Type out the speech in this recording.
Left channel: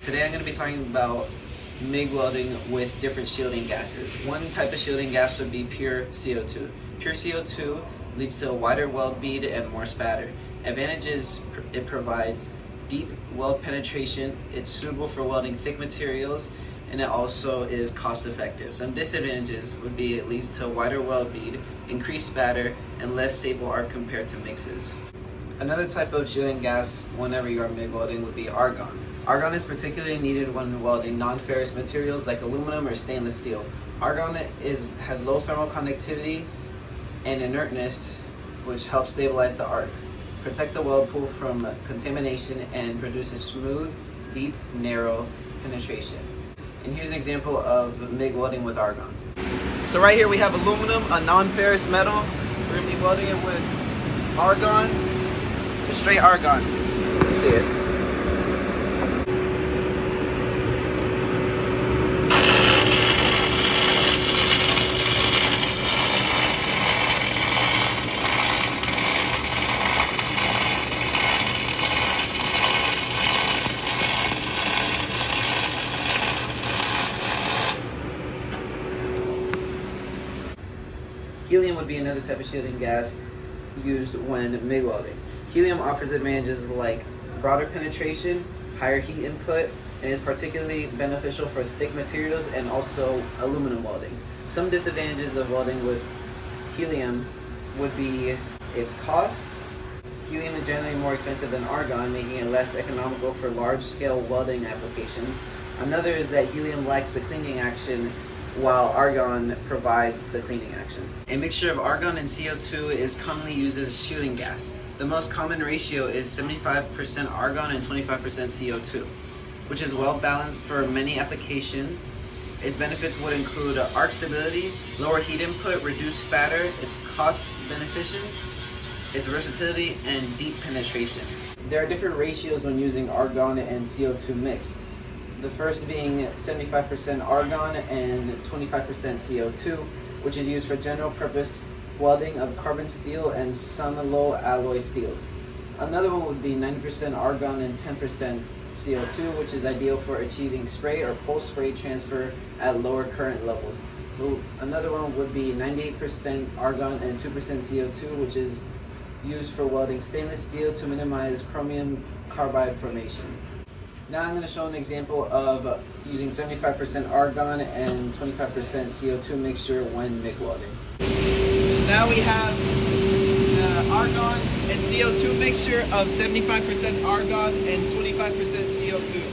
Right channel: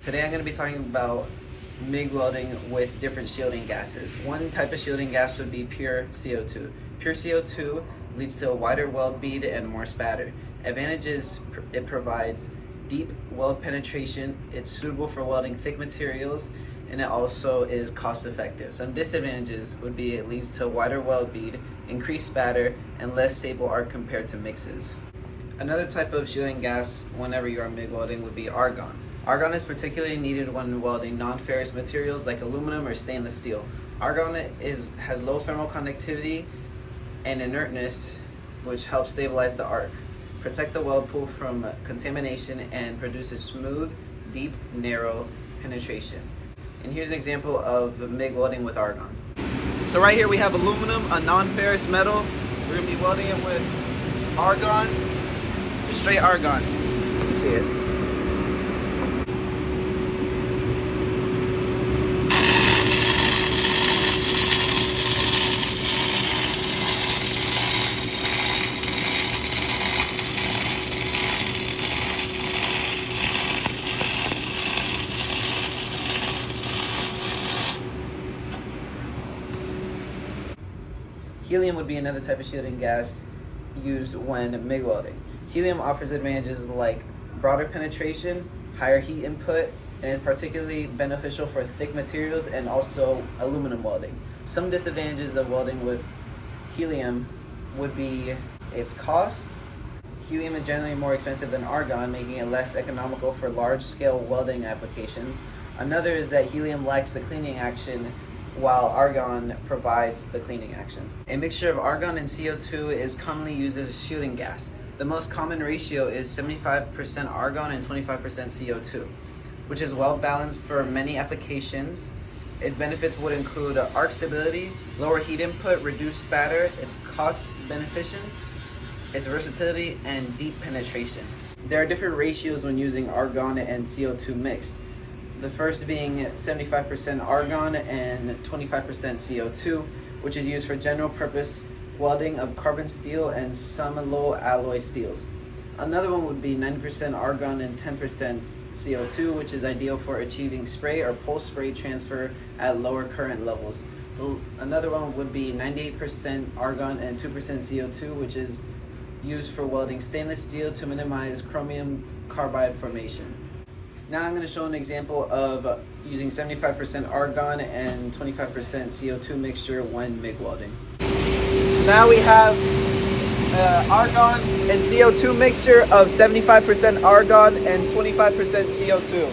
Today I'm going to be talking about MIG welding with different shielding gases. One type of shielding gas would be pure CO2. Pure CO2 leads to a wider weld bead and more spatter. Advantages: it provides deep weld penetration, it's suitable for welding thick materials, and it also is cost effective. Some disadvantages would be it leads to a wider weld bead, increased spatter, and less stable arc compared to mixes. Another type of shielding gas whenever you are MIG welding would be argon. Argon is particularly needed when welding non-ferrous materials like aluminum or stainless steel. Argon has low thermal conductivity and inertness, which helps stabilize the arc, protect the weld pool from contamination, and produces smooth, deep, narrow penetration. And here's an example of MIG welding with argon. So right here we have aluminum, a non-ferrous metal. We're going to be welding it with argon, just straight argon. You can see it. Helium would be another type of shielding gas used when MIG welding. Helium offers advantages like broader penetration, higher heat input, and is particularly beneficial for thick materials and also aluminum welding. Some disadvantages of welding with helium would be its cost. Helium is generally more expensive than argon, making it less economical for large-scale welding applications. Another is that helium lacks the cleaning action, while argon provides the cleaning action. A mixture of argon and CO2 is commonly used as a shielding gas. The most common ratio is 75% argon and 25% CO2, which is well balanced for many applications. Its benefits would include arc stability, lower heat input, reduced spatter, its cost beneficent, its versatility, and deep penetration. There are different ratios when using argon and CO2 mix. The first being 75% argon and 25% CO2, which is used for general purpose welding of carbon steel and some low alloy steels. Another one would be 90% argon and 10% CO2, which is ideal for achieving spray or pulse spray transfer at lower current levels. Another one would be 98% argon and 2% CO2, which is used for welding stainless steel to minimize chromium carbide formation. Now I'm going to show an example of using 75% argon and 25% CO2 mixture when MIG welding. So now we have the argon and CO2 mixture of 75% argon and 25% CO2.